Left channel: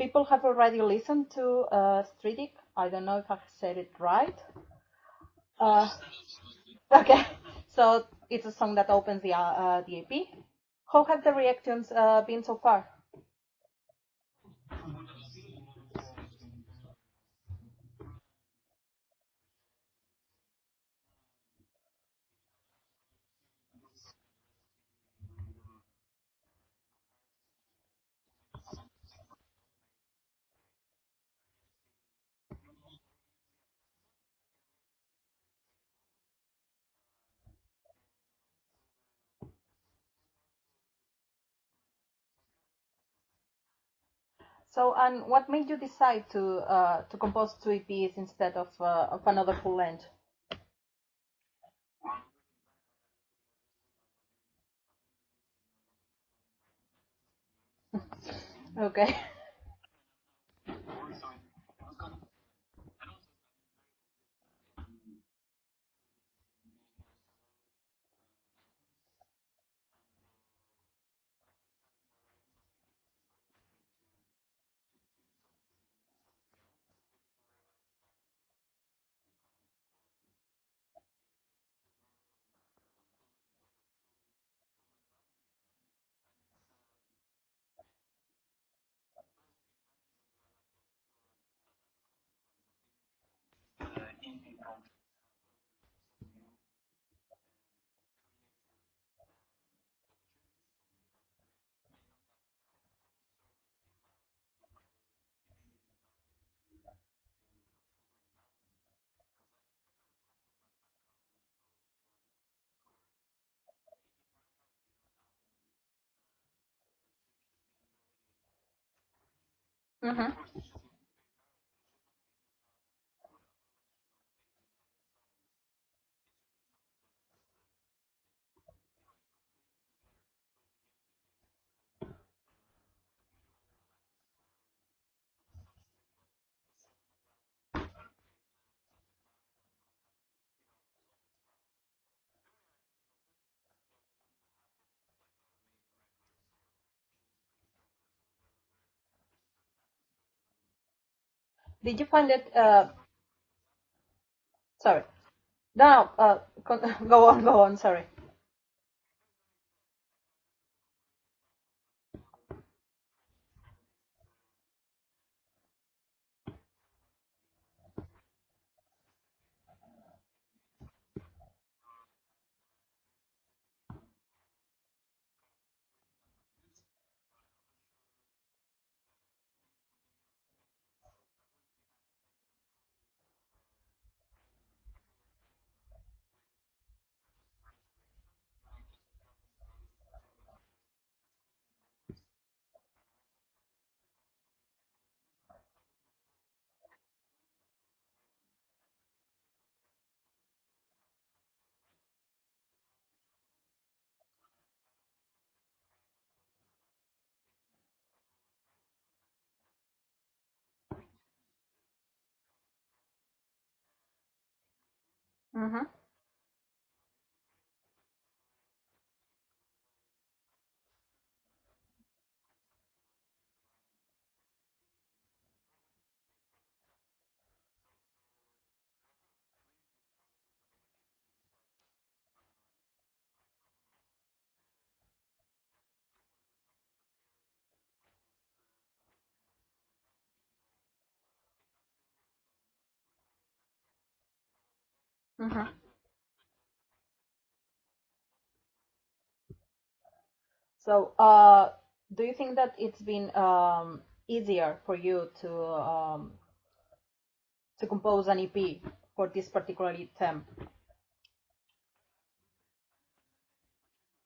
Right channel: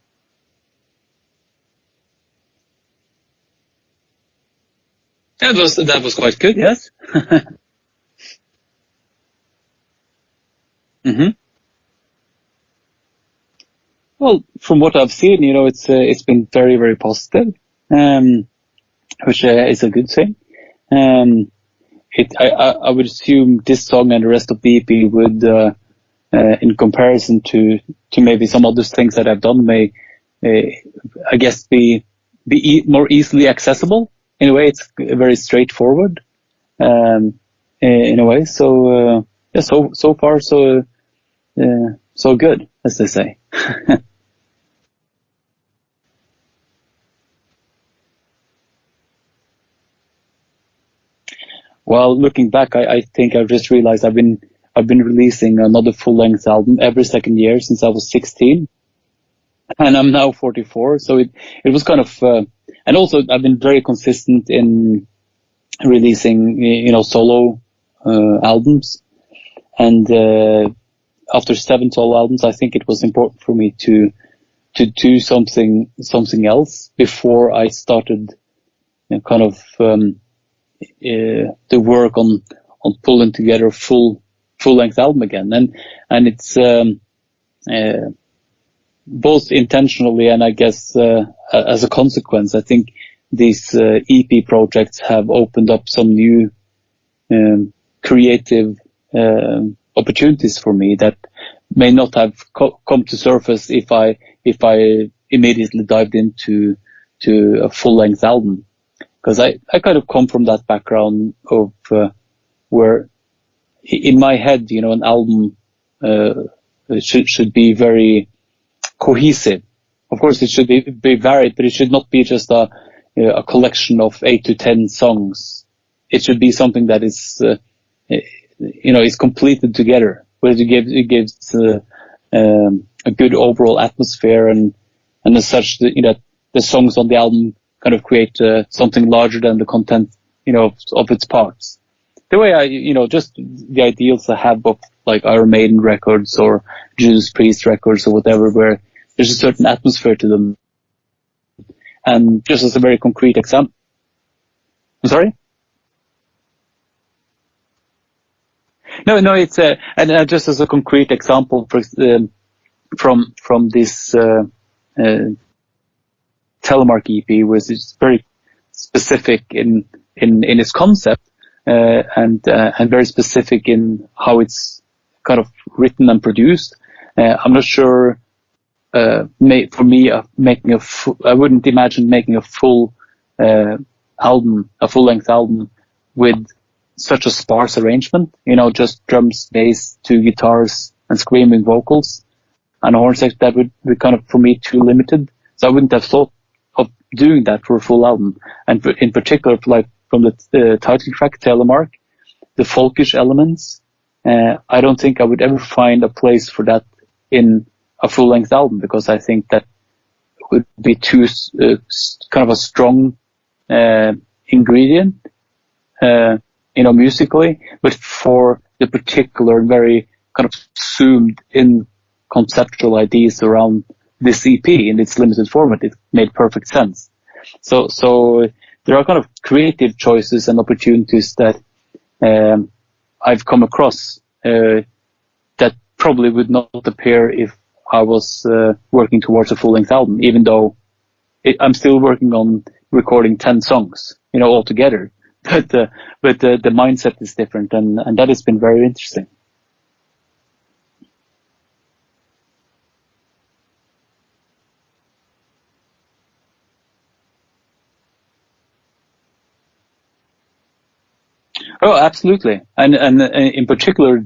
people have already listened to Stridic. I don't know if I've said it right. That was quite good, yes. Okay, so it's a song that opens the EP. How have the reactions been so far? Well, from what I've seen, it's been very, very positive, which is a good thing. I would assume this song and the rest of the EP would, in comparison to maybe some other things that I've done, may, I guess, be more easily accessible. In a way, it's very straightforward, in a way. So so far so good, as they say. So, and what made you decide to compose 2 EPs instead of another full length? Well, looking back, I think I just realized I've been releasing another full length album every second year since I was 16. Okay. And I'm now 44, so it was kind of, and also I've been very consistent in releasing, solo albums, and after 7 solo albums, I think it was important for me to do something else before I started, kind of the work on pulling together a full length album again, and it's both intentionally and I guess as a consequence. I think these EP projects have opened up some new creative opportunities for me that may not have come to surface if I immediately dived into a full length album, because I kind of come from that background of where in my head, an album should be very cohesive. Of course, it should be varied, but it should not be just a collection of 8 to 10 songs. It should be something that is, is completed together, where it gives a good overall atmosphere, and as such, the songs on the album kind of create something larger than the content, of its parts. The way I, just the ideals I have of like Iron Maiden records or Judas Priest records or whatever, where there's a certain atmosphere to them. Did you And find it, just as a very concrete example. Sorry. Sorry? No, go on, sorry. No, it's and just as a concrete example from this Telemark EP, was it's very specific in its concept, and very specific in how it's kind of written and produced. I'm not sure. For me, I wouldn't imagine making a full full-length album with such a sparse arrangement. Just drums, bass, 2 guitars, and screaming vocals, and a horn section. That would be kind of, for me, too limited. So I wouldn't have thought of doing that for a full album. And in particular, like from the title track, Telemark, the folkish elements, I don't think I would ever find a place for that in a full-length album, because I think that would be too kind of a strong ingredient, musically. But for the particular, very kind of zoomed in conceptual ideas around this EP in its limited format, it made perfect sense. So there are kind of creative choices and opportunities that I've come across that probably would not appear if I was working towards a full-length album, even though I'm still working on recording 10 songs, altogether. But the mindset is different, and that has been very interesting. So, do you think that it's been easier for you to compose an EP for this particular theme? Oh, absolutely, and in particular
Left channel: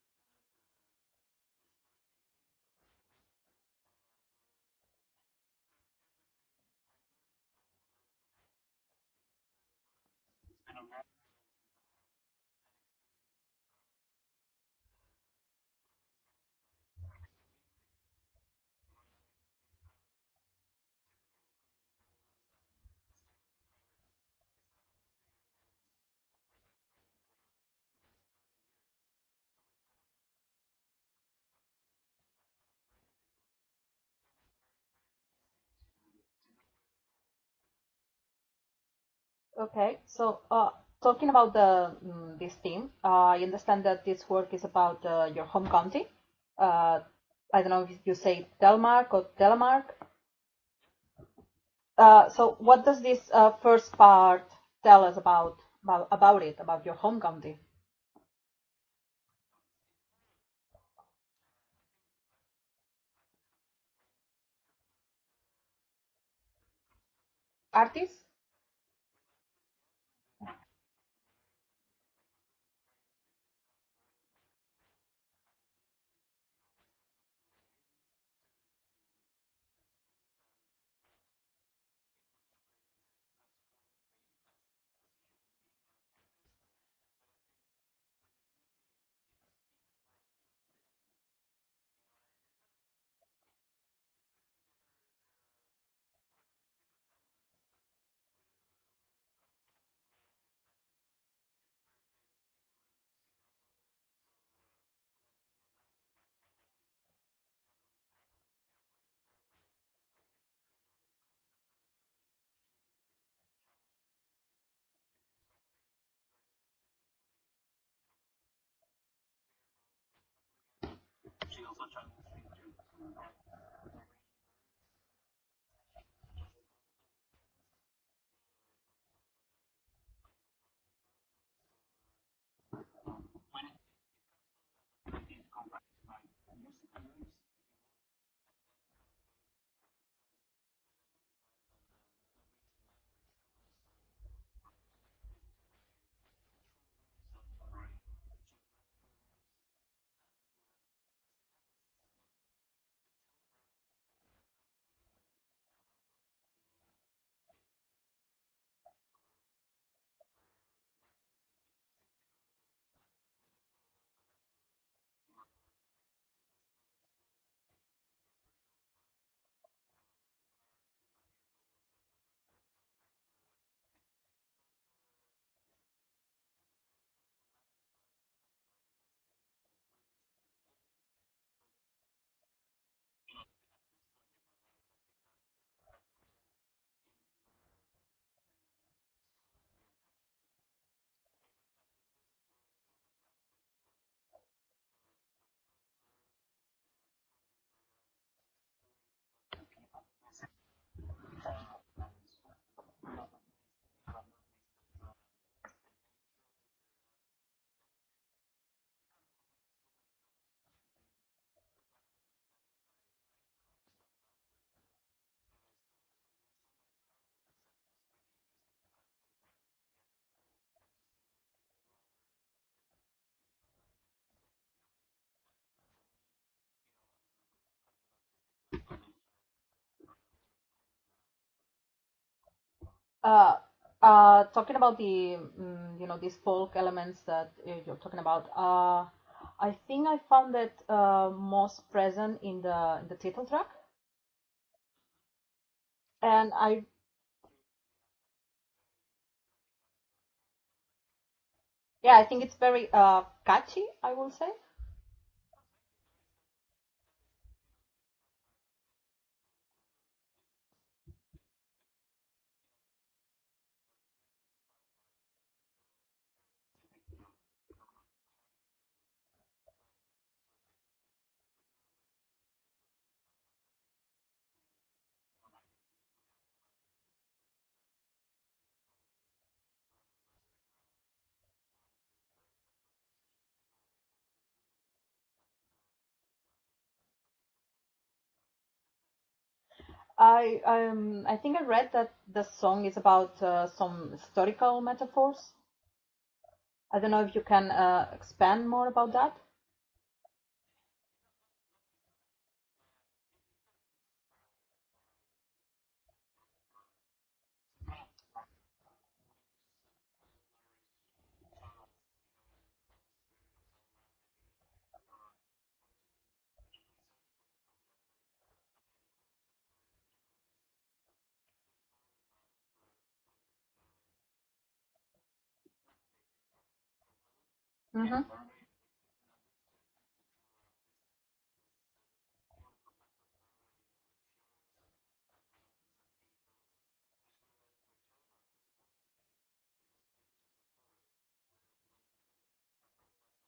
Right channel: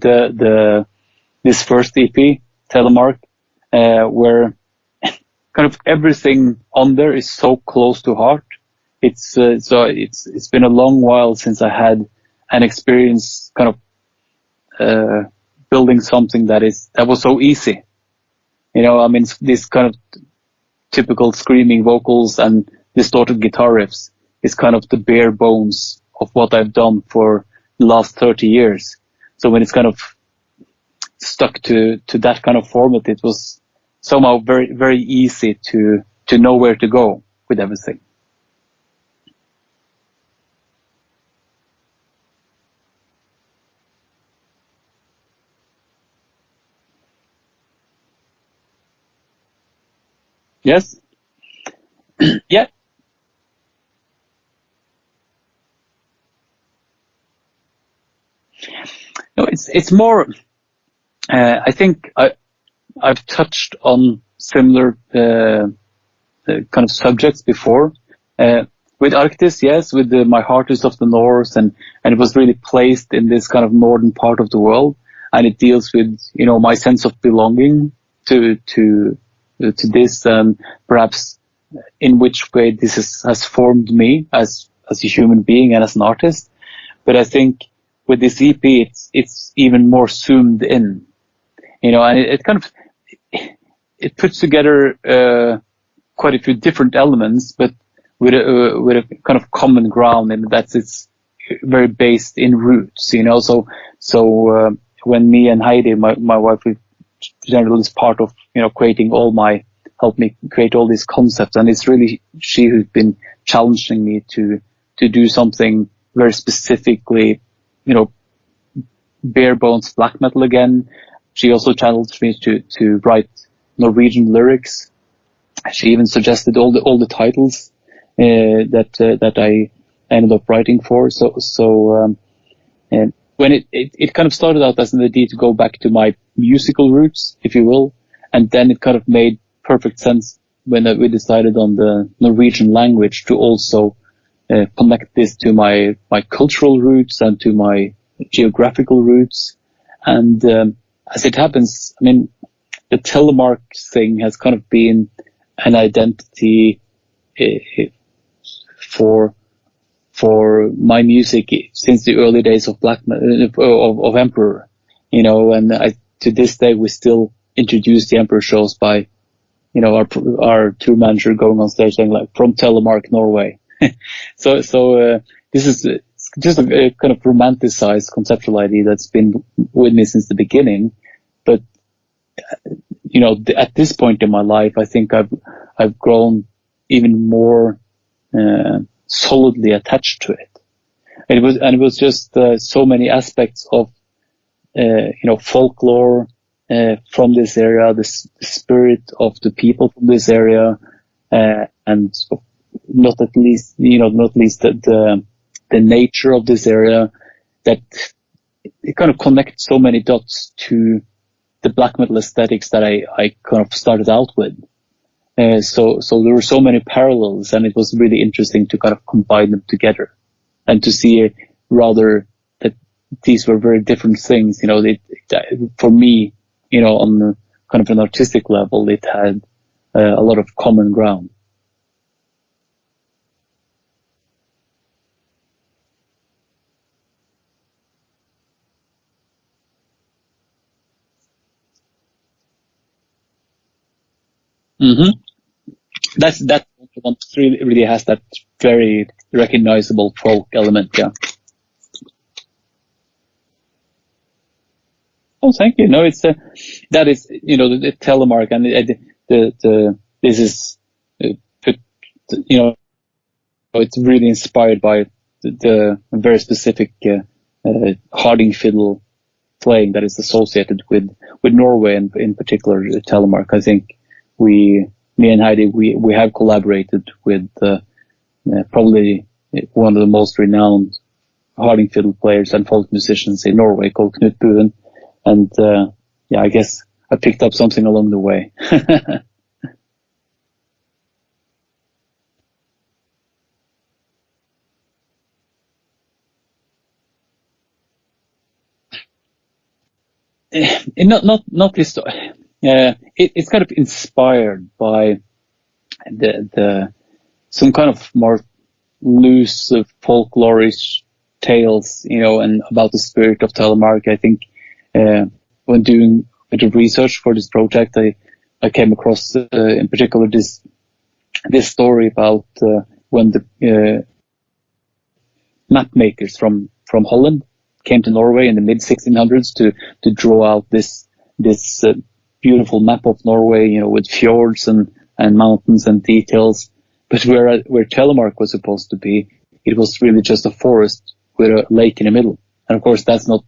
this first EP, Telemark, where kind of everything on there is so close to heart. It's been a long while since I had an experience kind of building something that was so easy. This kind of typical screaming vocals and distorted guitar riffs is kind of the bare bones of what I've done for the last 30 years. So when it's kind of stuck to that kind of format, it was somehow very, very easy to know where to go with everything. Okay, so talking about this theme, I understand that this work is about your home county. I don't know if you say Telemark or Telemark. Yes. So Yeah. what does this first part tell us about your home county? No, it's more. I think I've touched on similar kind of subjects before. With Arctis, yes, with My Heart is of the North, and it was really placed in this kind of northern part of the world, and it deals with, you know, my sense of belonging to this, and perhaps in which way this has formed me as a human being and as an artist. But I think with this EP, it's even more zoomed in, you know, and it kind of it puts together quite a few different elements, but with a kind of common ground, and that's it's very based in roots, you know. So when me and Heidi, my wife, we generally is part of, you know, help me create all these concepts, and it's really she who's been challenging me to do something very specifically, you know, bare bones black metal again. She also challenged me to write Norwegian lyrics. She even suggested all the titles that I ended up writing for. And when it kind of started out as an idea to go back to my musical roots, if you will, and then it kind of made perfect sense when we decided on the Norwegian language to also connect this to my cultural roots and to my geographical roots. And as it happens, I mean, the Telemark thing has kind of been an identity for my music since the early days of of Emperor, you know, and to this day we still introduce the Emperor shows by, you know, our tour manager going on stage saying like from Telemark, Norway. So this is just a kind of romanticized conceptual idea that's been with me since the beginning, but you know, at this point in my life, I think I've grown even more solidly attached to it. It was just so many aspects of you know, folklore from this area, the spirit of the people from this area, and not least the nature of this area, that it kind of connects so many dots to the black metal aesthetics that I kind of started out with. So there were so many parallels, and it was really interesting to kind of combine them together and to see rather that these were very different things. You know, for me, you know, on kind of an artistic level, it had a lot of common ground. Talking about the you know, these folk elements that you're talking about, I think I found it most present in the title track. Mm-hmm. That I one really has that very recognizable folk element. Yeah, I think it's very catchy, I will say. Oh, thank you. No, it's that is, you know, the Telemark, and this is put, you know, it's really inspired by the very specific harding fiddle playing that is associated with Norway, and in particular Telemark. I think me and Heidi, we have collaborated with probably one of the most renowned harding fiddle players and folk musicians in Norway, called Knut Buen, and yeah, I guess I picked up something along the way. I think I read that the song is about some historical metaphors. I don't know if you can expand more about that. Not this. It's kind of inspired by the some kind of more loose folklorish tales, you know, and about the spirit of Telemark. I think when doing a bit of research for this project, I came across in particular this story about when the map makers from Holland came to Norway in the mid 1600s to draw out this beautiful map of Norway, with fjords and mountains and details. But where Telemark was supposed to be, it was really just a forest with a lake in the middle. And of course, that's not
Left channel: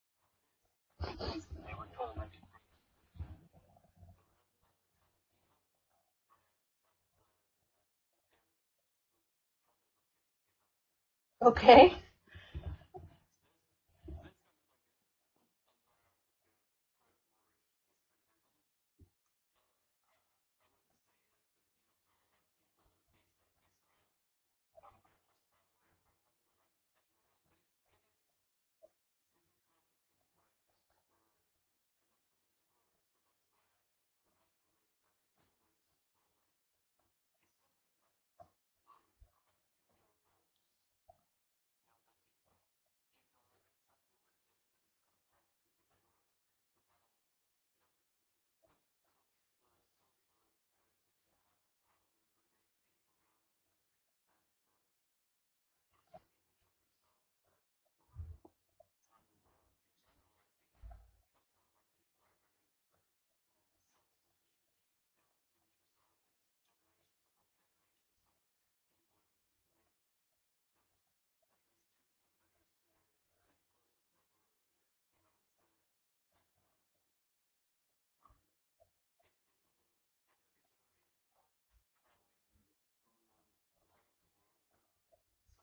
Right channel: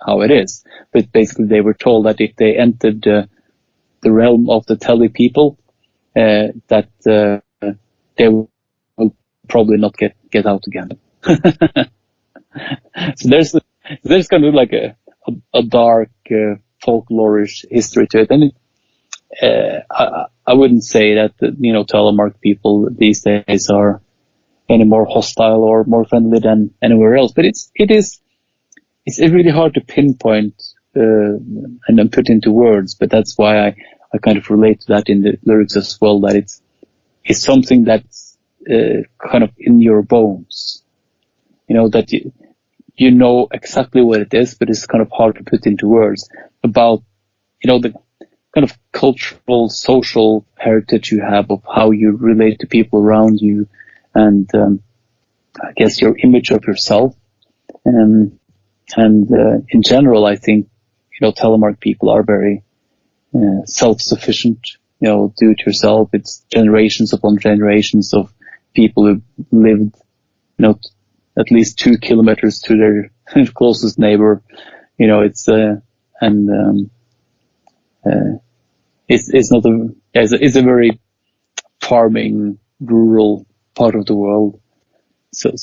how it is. But basically, they were told that if they entered the realm of the Tele people, that they will probably not get out again. Okay. So there's kind of like a dark folklorish history to it, and I wouldn't say that Telemark people these days are any more hostile or more friendly than anywhere else. But it's really hard to pinpoint and then put into words. But that's why I kind of relate to that in the lyrics as well. That it's something that's kind of in your bones. That you know exactly what it is, but it's kind of hard to put into words about the kind of cultural, social heritage you have of how you relate to people around you, and I guess your image of yourself. And in general, I think Telemark people are very self-sufficient. Do it yourself. It's generations upon generations of people who lived, at least 2 kilometers to their closest neighbor. It's it's not it's a very farming, rural part of the world. So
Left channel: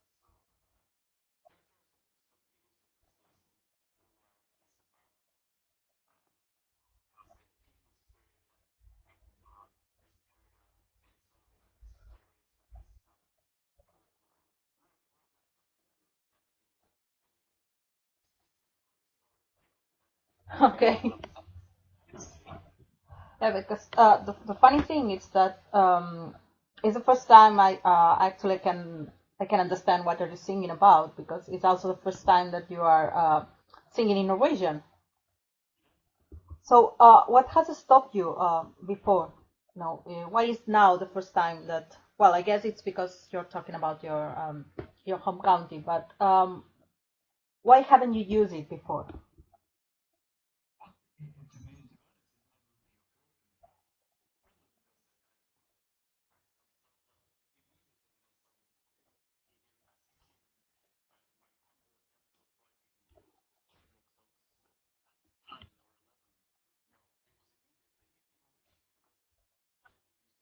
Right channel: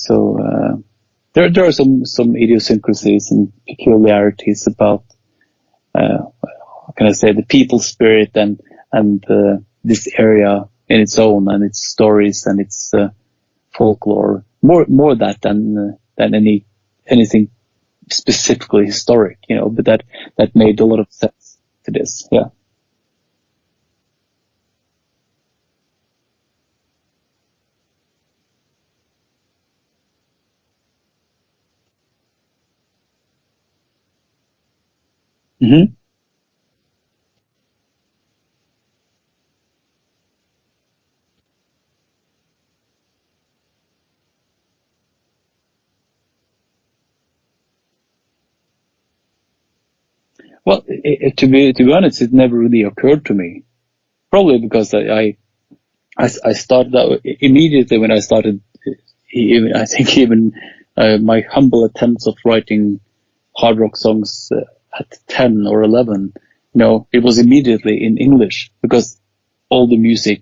there are some idiosyncrasies and peculiarities about how can I say, the people spirit and this area in its own, and its stories and its folklore. More that than anything specifically historic, but that made a lot of sense to this. Yeah. Yeah, because the funny thing is that it's the first time I actually can understand what you're singing about, because it's also the first time that you are singing in Norwegian. Mm-hmm. So what has stopped you before? Why is now the first time that? Well, I guess it's because you're talking about your home county, but why haven't you used it before? Well, to be honest, it never really occurred to me. Probably because I started out immediately when I started. I think even my humble attempts of writing hard rock songs at 10 or 11, it was immediately in English, because all the music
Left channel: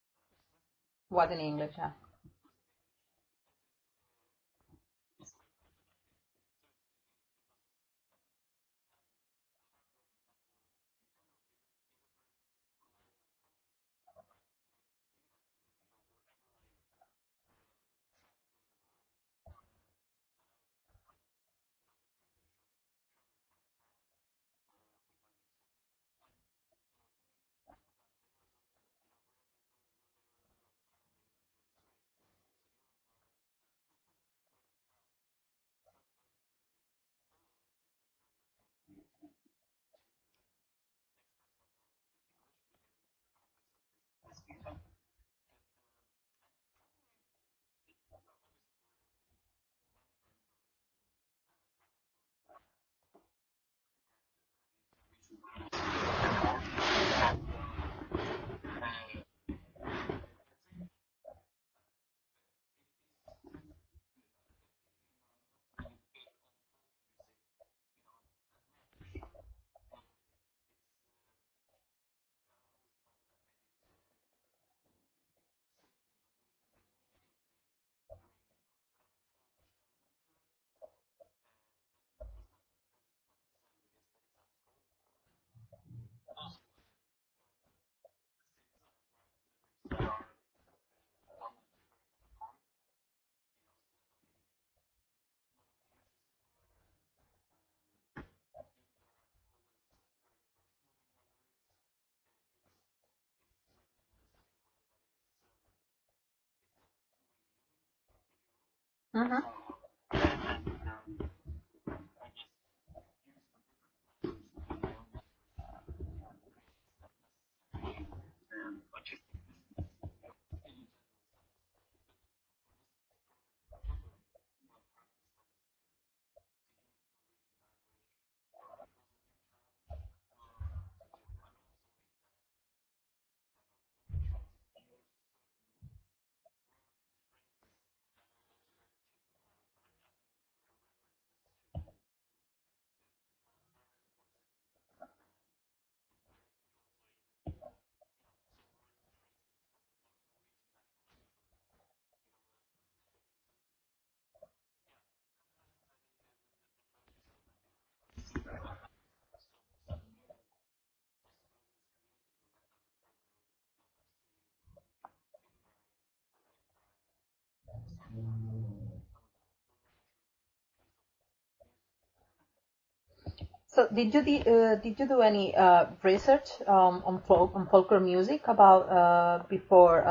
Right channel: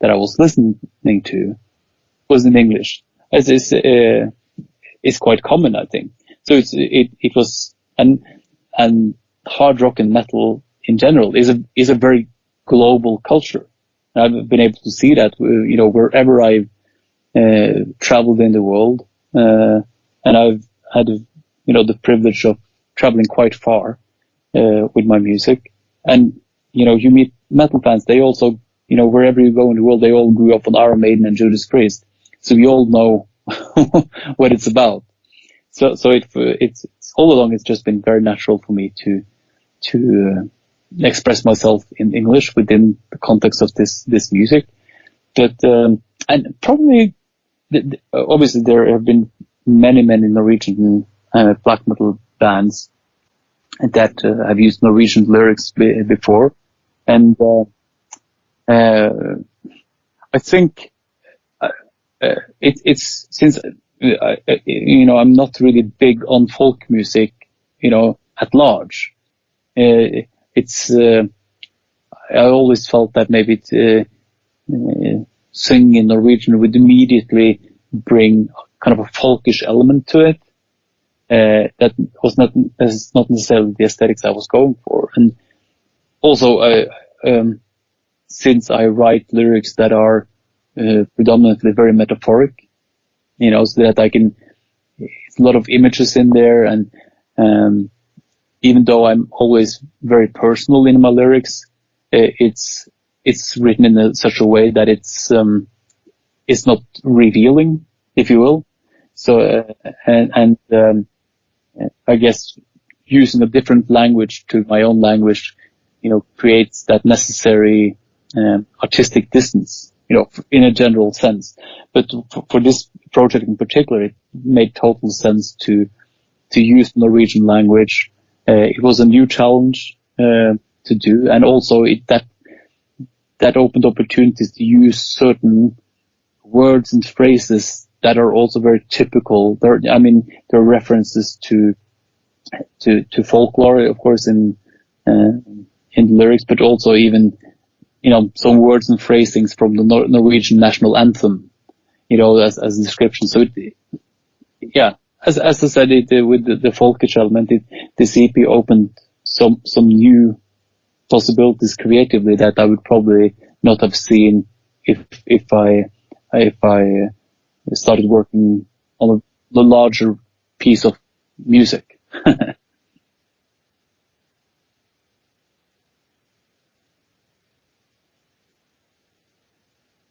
that I was listening to English, yeah. was in English, as is quite common, I think. So it was, and hard rock and metal in general is a very global culture. I've been able to see that, wherever I've traveled in the world, and I've had, the privilege of traveling quite far with my music. And, you meet metal fans. They also, wherever you go in the world, they all grew up on Iron Maiden and Judas Priest. So we all know what it's about. So it's all along, it's just been very natural for me to express myself in English within the context of this music. But and probably, obviously, there have been many Norwegian black metal bands that have used Norwegian lyrics before, and I think it's since I'm not really big on folk music, at large. It's I always felt that maybe singing in Norwegian would immediately bring kind of a folkish element to it. That was not necessarily the aesthetics I was going for. And also, since I write lyrics that are predominantly very metaphoric, so that I can, it's a lot of images in there, and even though I'm always very personal in my lyrics, it's written in such a way that it's not revealing, if you will. So I guess using a different language to my own language, creates that necessary artistic distance, in a general sense. But for this project in particular, it made total sense to use the Norwegian language. It was a new challenge, to do, and also that opened opportunities to use certain words and phrases that are also very typical. There are references to folklore, of course, in the lyrics, but also even some words and phrasings from the Norwegian national anthem, as a description. So as I said, with the folkish element, this EP opened some new possibilities creatively that I would probably not have seen if I started working on a larger piece of music. So did you do any research on folklore music about before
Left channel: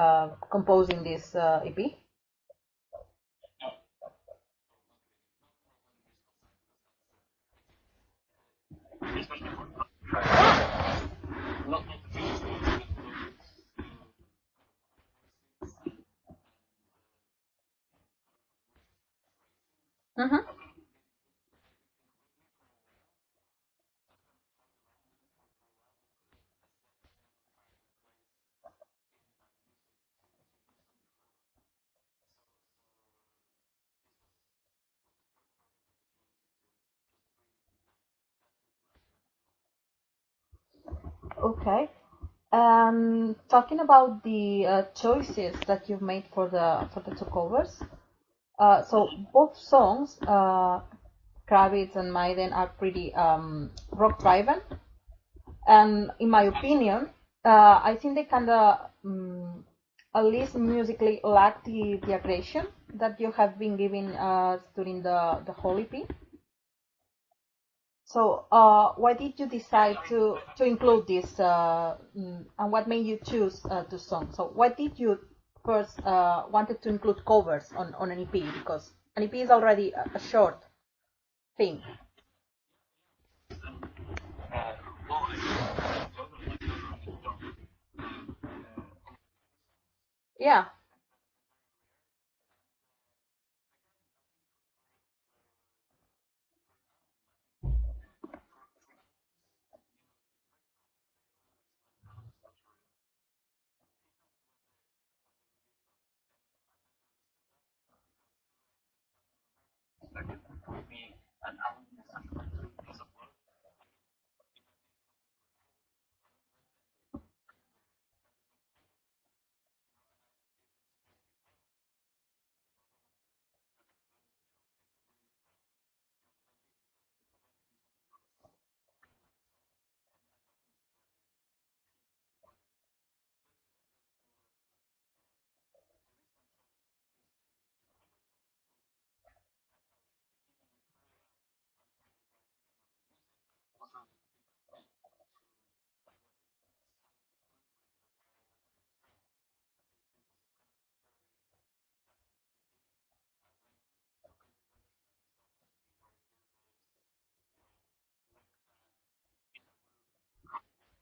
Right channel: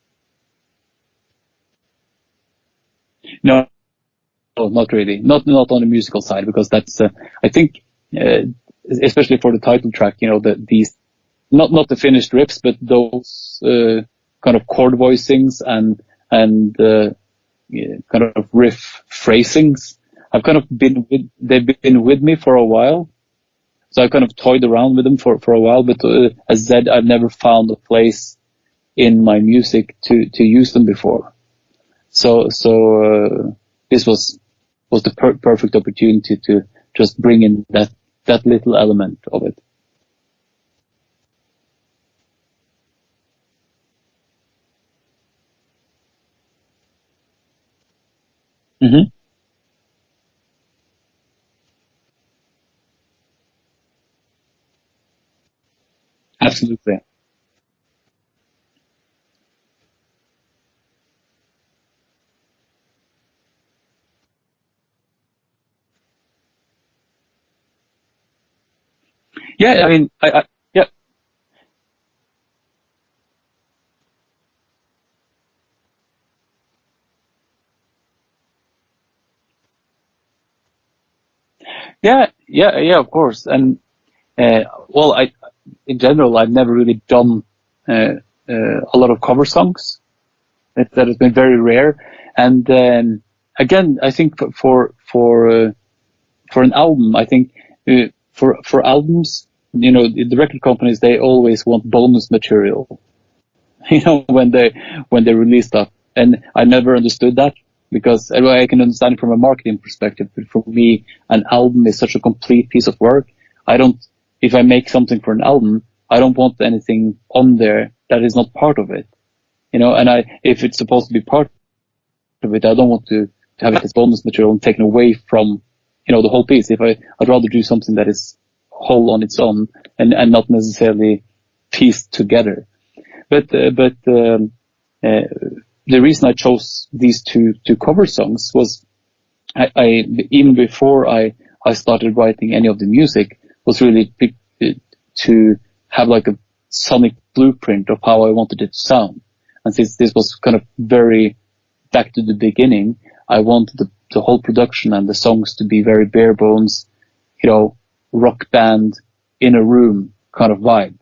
composing this EP? No, not really. Not on the musical side, because that's I think especially for the title track, these not the finished riffs, but those kind of chord voicings and kind of riff phrasings. Mm-hmm. They've been with me for a while. So I kind of toyed around with them for a while, but as I said, I've never found a place in my music to use them before. So this was the perfect opportunity to just bring in that little element of it. Okay. Talking about the choices that you've made for the two covers. Mm-hmm. So both songs, Kravitz and Maiden, are pretty rock driven, and in my Absolutely. opinion, I think they kind of at least musically lack the aggression that you have been giving during the whole EP. So why did you decide to include this, and what made you choose two songs? So why did you first wanted to include covers on an EP? Because an EP is already a short thing. Yeah, of course. And in general, I've never really done a lot of cover songs. Yeah, that has been very rare. And again, I think for an album, I think for albums, the record companies, they always want bonus material, when they release stuff. And I never understood that, because I can understand it from a marketing perspective. But for me, an album is such a complete piece of work. If I make something for an album, I don't want anything on there that is not part of it. And if it's supposed to be part of it, I don't want to have it as bonus material and taken away from, the whole piece. I'd rather do something that is whole on its own and not necessarily pieced together. But the reason I chose these two cover songs was I even before I started writing any of the music, was really to have like a sonic blueprint of how I wanted it to sound. And since this was kind of very back to the beginning, I wanted the whole production and the songs to be very bare bones, rock band in a room kind of vibe.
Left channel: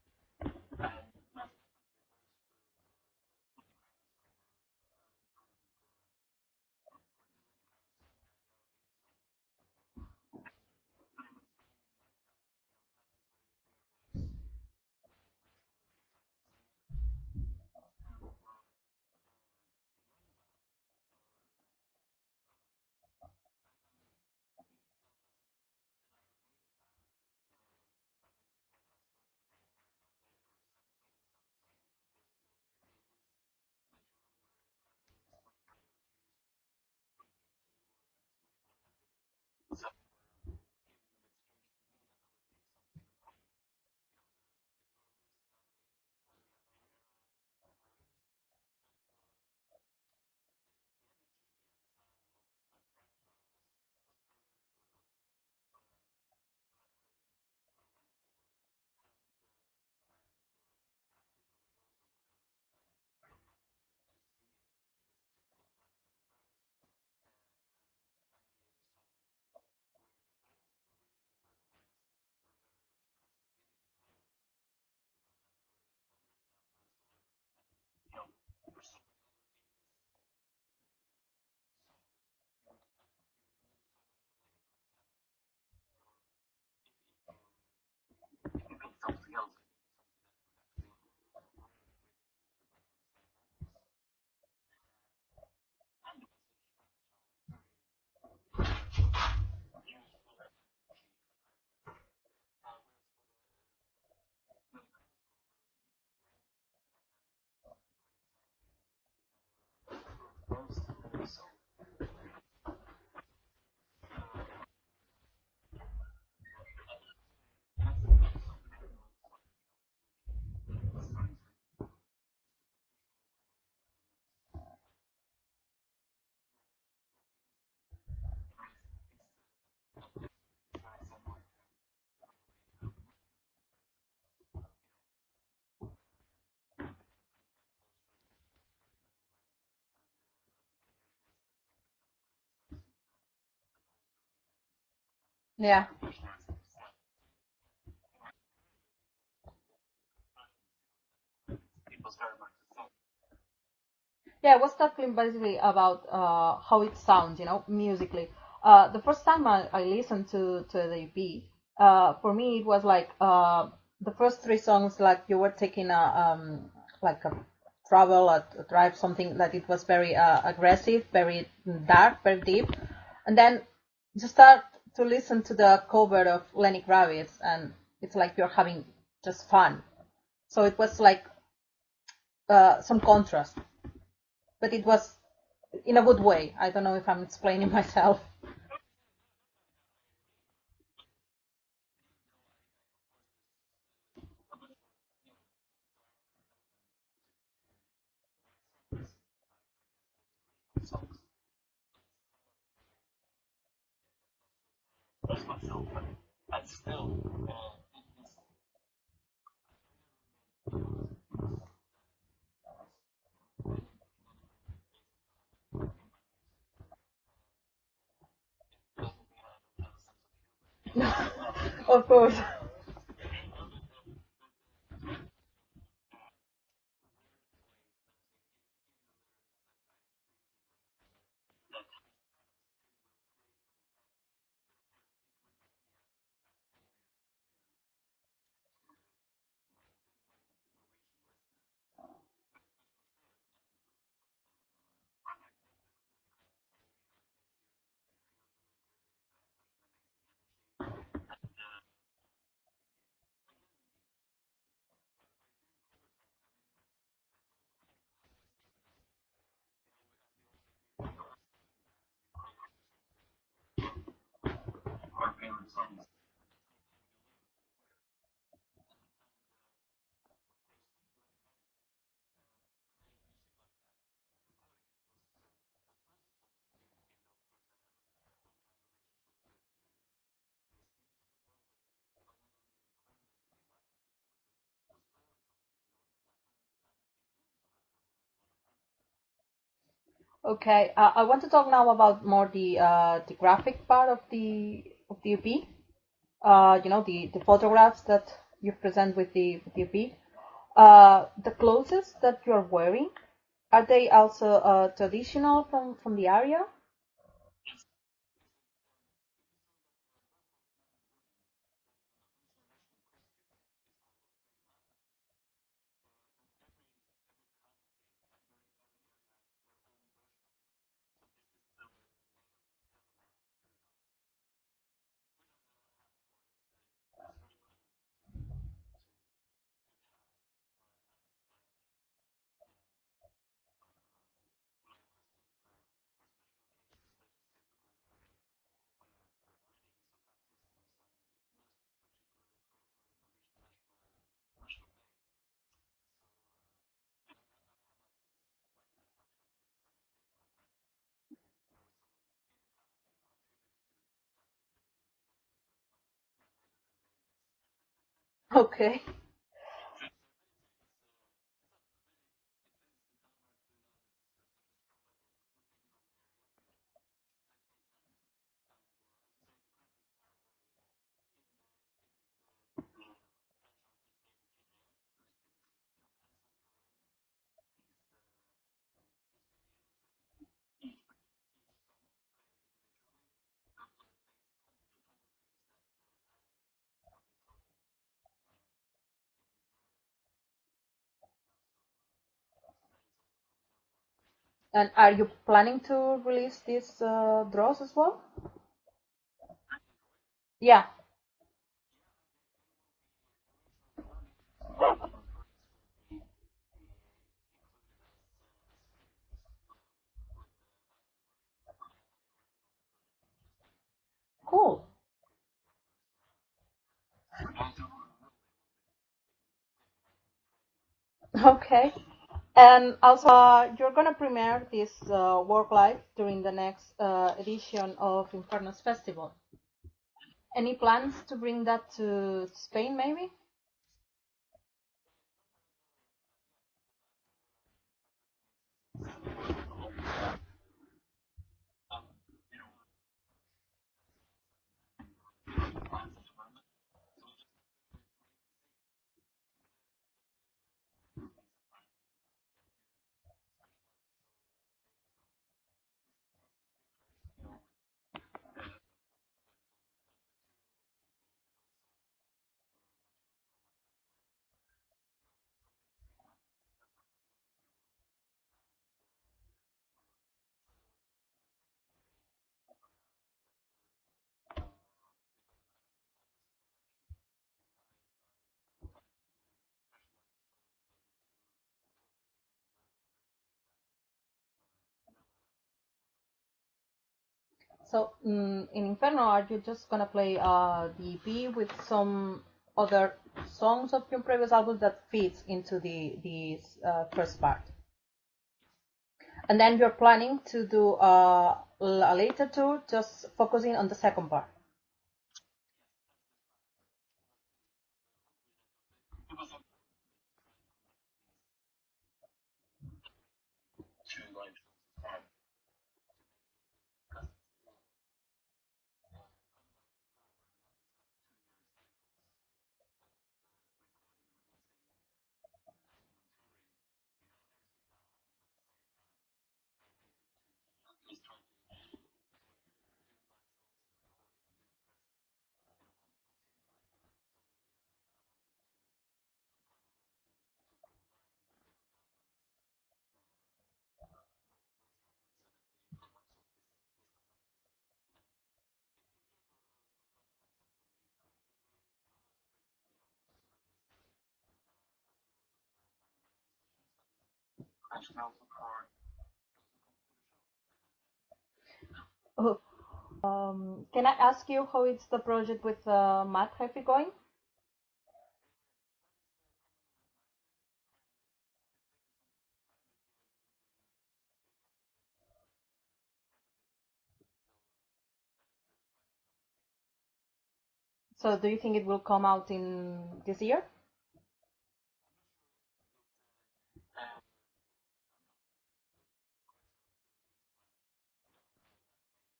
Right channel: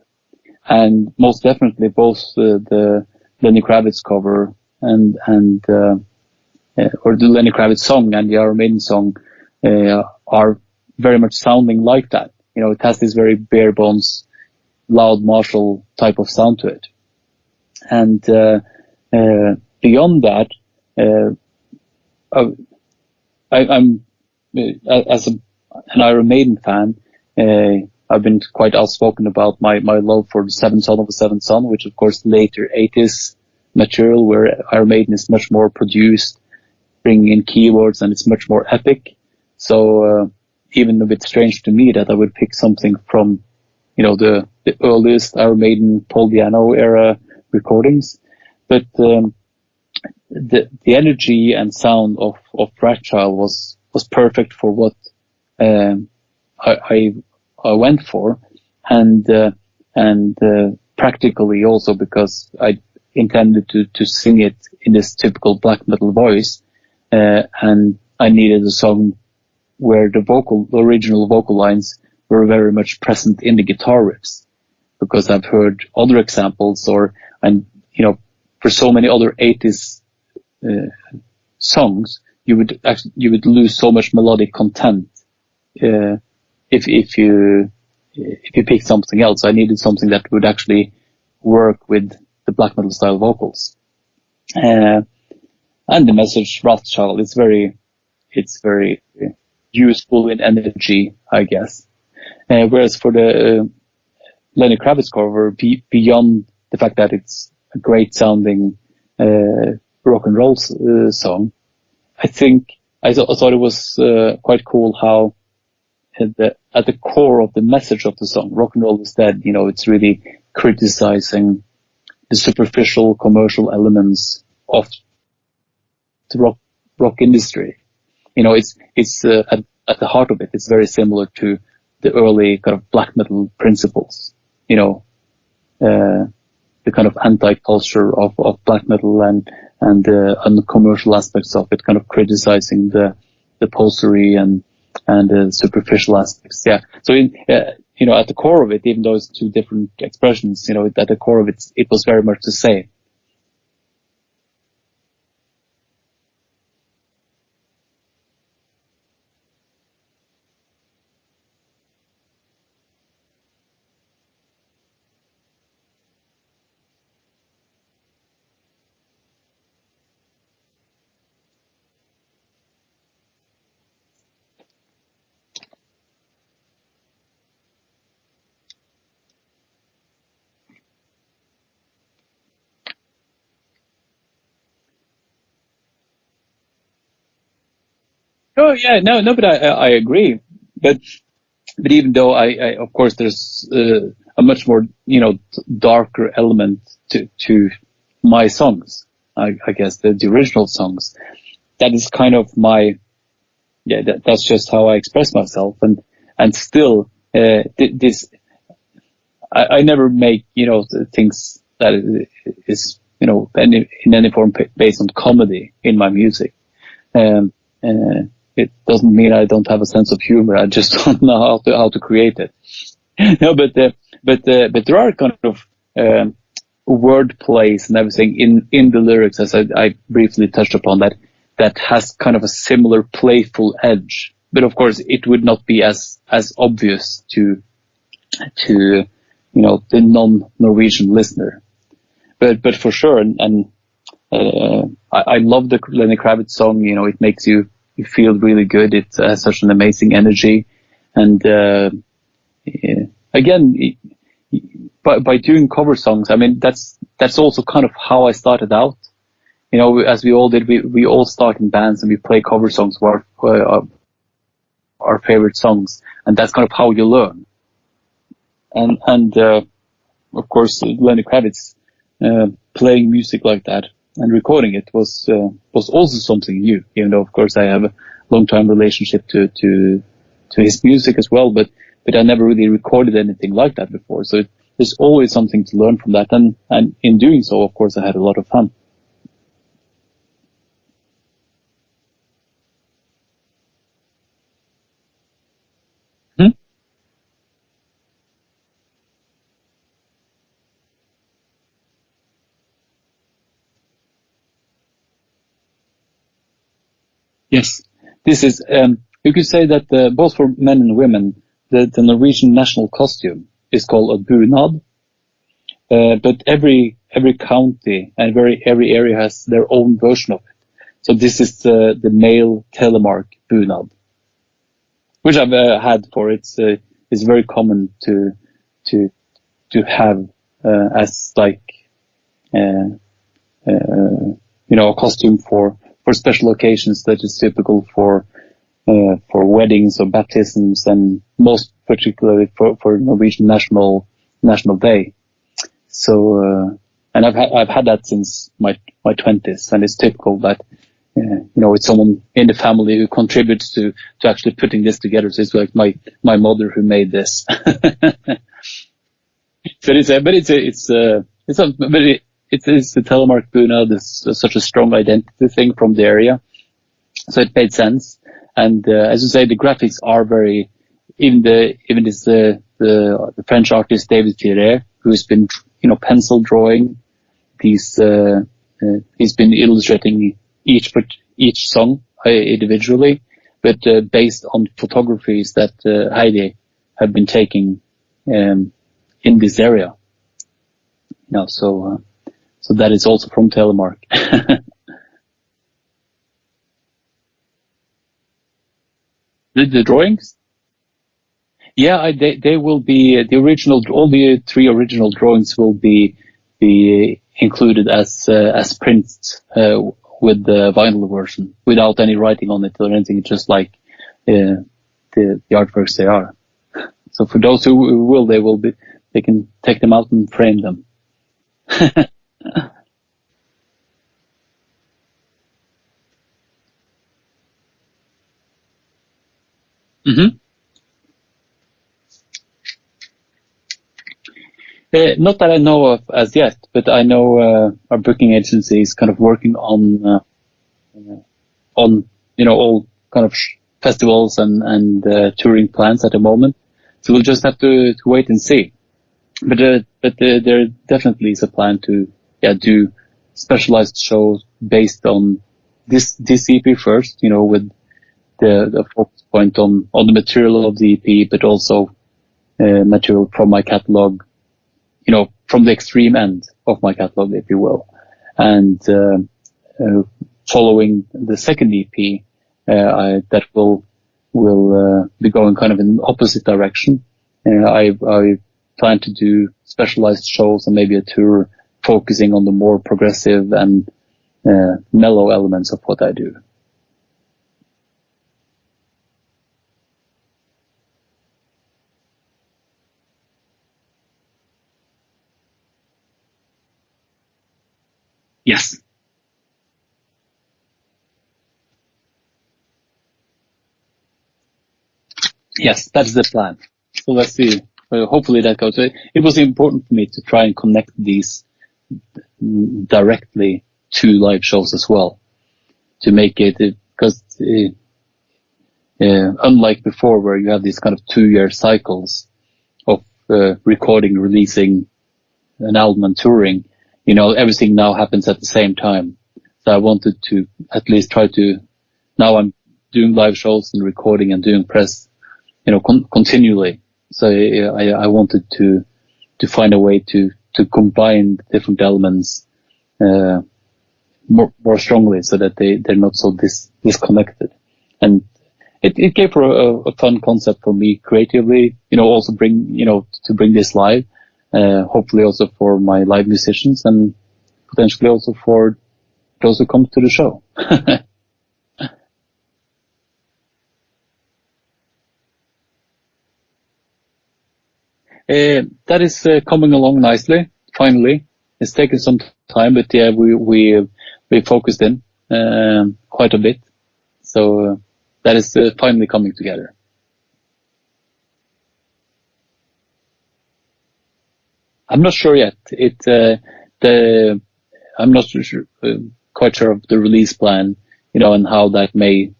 And most definitely both the Lenny Kravitz cover and or the Lenny Kravitz song and the Iron Maiden song are very much sounding like that. It has this very bare bones, loud Marshall type of sound to it. And beyond that, I'm as an Iron Maiden fan, I've been quite outspoken about my love for the Seventh Son of a Seventh Son, which of course later 80s material, where Iron Maiden is much more produced, bringing in keywords, and it's much more epic. So even a bit strange to me that I would pick something from the earliest Iron Maiden Paul Di'Anno era recordings, but the energy and sound of Fragile was perfect for what I went for, and practically also because I intended to sing it in this typical black metal voice, and I needed a song where the original vocal lines were very much present in the guitar riffs, because I've heard other examples, for so many other 80s songs, you would lose so much melodic content if you if you pick something else, I needed something that would actually work with the black metal style vocals. And the message Rothschild is very useful in energy, I guess. Whereas for the Lenny Kravitz cover, beyond the fact that it's a great sounding rock and roll song, I think I thought it was quite cool how at the core of the message of the song, Rock and Roll is Dead, it's really criticizing the superficial commercial elements of the rock industry. It's at the heart of it, it's very similar to the early kind of black metal principles. The kind of anti-culture of black metal and the commercial aspects of it, kind of criticizing the posery and the superficial aspects. Yeah. So at the core of it, even though it's two different expressions, at the core of it, it was very much the same. Yeah, I was talking basically about how it sounds, musically. The first time I listened to the EP, for me it was like the first three songs, like you were taking a travel, a drive, something that it was very aggressive, very dark, very deep, and then you start to listen to the cover of Lenny Kravitz, and it's like you're having just fun. So it was like some contrast, but it was in a good way. I don't know if I'm explaining myself. Oh yeah, no, but I agree. But even though I of course there's a much more darker element to my songs. I guess the original songs. That is kind of my that's just how I express myself, and still this I never make things that is in any form based on comedy in my music. It doesn't mean I don't have a sense of humor. I just don't know how to create it. No, but there are kind of word plays and everything in the lyrics, as I briefly touched upon, that has kind of a similar playful edge. But of course, it would not be as obvious to the non-Norwegian listener. But for sure, and I love the Lenny Kravitz song. It makes you feel really good. It has such an amazing energy, and again, by doing cover songs, I mean that's also kind of how I started out. As we all did, we all start in bands and we play cover songs for our favorite songs, and that's kind of how you learn. And of course, Lenny Kravitz playing music like that and recording it was also something new. Even though, of course, I have a long-time relationship to his music as well, but I never really recorded anything like that before. So there's always something to learn from that, and in doing so, of course, I had a lot of fun. Okay, I want to talk now about more the graphic part of the EP. The photographs that you present with the EP. The clothes that you're wearing, are they also traditional from the area? Yes, this is. You could say that both for men and women, the Norwegian national costume is called a bunad. But every county and every area has their own version of it. So this is the male Telemark bunad, which I've had for it's very common to have as like a costume for special occasions that is typical for weddings or baptisms, and most particularly for Norwegian National Day. So and I've had that since my 20s, and it's typical that it's someone in the family who contributes to actually putting this together. So it's like my mother who made this. Okay. So it's the Telemark bunad is such a strong identity thing from the area, so it made sense. And as you say, the graphics are very even this the French artist David Thierry, who's been pencil drawing these. He's been illustrating each song individually, but based on photographies that Heidi have been taking in this area. So that is also from Telemark. And are you planning to release these draws as well? The drawings? Yeah. Yeah, they will be the original. All the 3 original drawings will be included as prints with the vinyl version, without any writing on it or anything. Just like Cool. the artworks they are. So for those who will, they can take them out and frame them. Okay. And also, you're gonna premiere this work live during the next edition of Inferno's Festival. Mm-hmm. Any plans to bring that to Spain, maybe? Not that I know of as yet, but I know our booking agency is kind of working on all kind of festivals and touring plans at the moment. So we'll just have to wait and see. But there definitely is a plan to do specialized shows based on this EP first, with the focus point on the material of the EP, but also material from my catalog, from the extreme end of my catalog, if you will. And following the second EP, that will be going kind of in the opposite direction. I plan to do specialized shows and maybe a tour focusing on the more progressive and mellow elements of what I do. So in Inferno, are you just gonna play the EP with some other songs of your previous album that fits into the first part? Yes. And then you're planning to do a later tour, just focusing on the second part? Yes, that's the plan. So let's see. Hopefully that goes. It was important for me to try and connect these directly to live shows as well, to make it, because unlike before where you have these kind of 2-year cycles of recording, releasing an album and touring, everything now happens at the same time. So I wanted to at least try to, now I'm doing live shows and recording and doing press, continually. So I wanted to find a way to combine different elements more strongly, so that they're not so disconnected. And it gave for a fun concept for me creatively, also to bring this live, hopefully also for my live musicians and potentially also for those who come to the show. Can I ask you how is the project with Matt Happy going? That is coming along nicely. Finally, it's taken some time, but yeah, we focused in quite a bit. So that is finally coming together. So do you think it will come out in this year? I'm not sure yet. I'm not quite sure of the release plan, and how that may,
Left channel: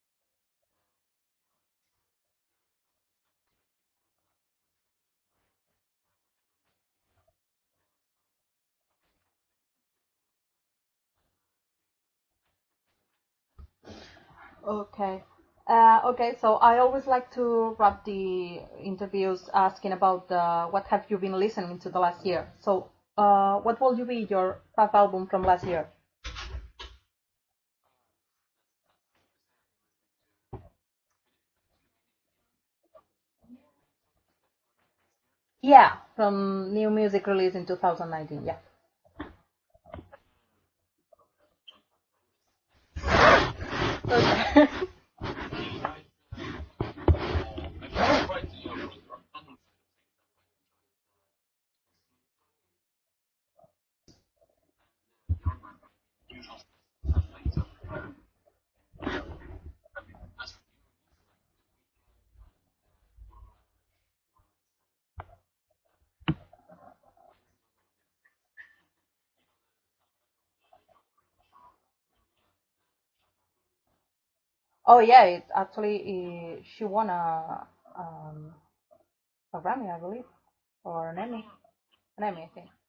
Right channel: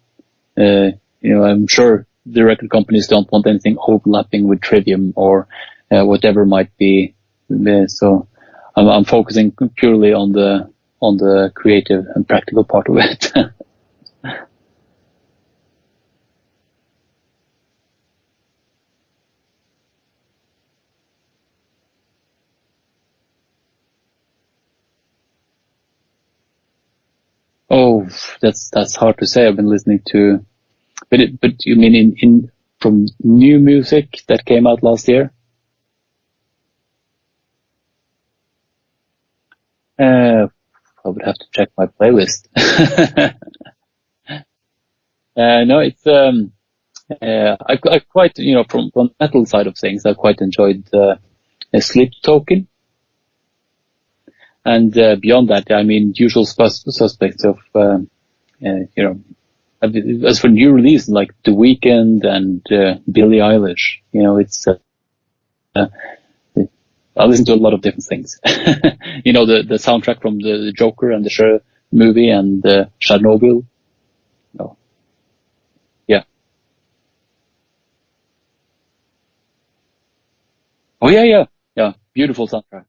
I'm sure the record companies don't want anything overlapping with Trivium or whatever might be. So I'm focusing purely on the creative and practical part of it. Okay. Okay, so I always like to wrap the interviews asking about what have you been listening to the last year. So what will you be your top album from last year? Oh, that's hard to say. I've been listening to, but you mean in from new music that came out last year? Yeah, from new music released in 2019. Yeah. I would have to check my playlist. Okay. No, it's I quite, from the metal side of things, I quite enjoyed Sleep Token. And beyond that, I mean, usual suspects of, as for new release, like The Weeknd and Billie Eilish, it's, I listen to a lot of different things. The soundtrack from the Joker and the Cher movie and Chernobyl. Oh yeah, it actually Yeah. she won a Grammy, I believe. Oh yeah. Beautiful soundtrack.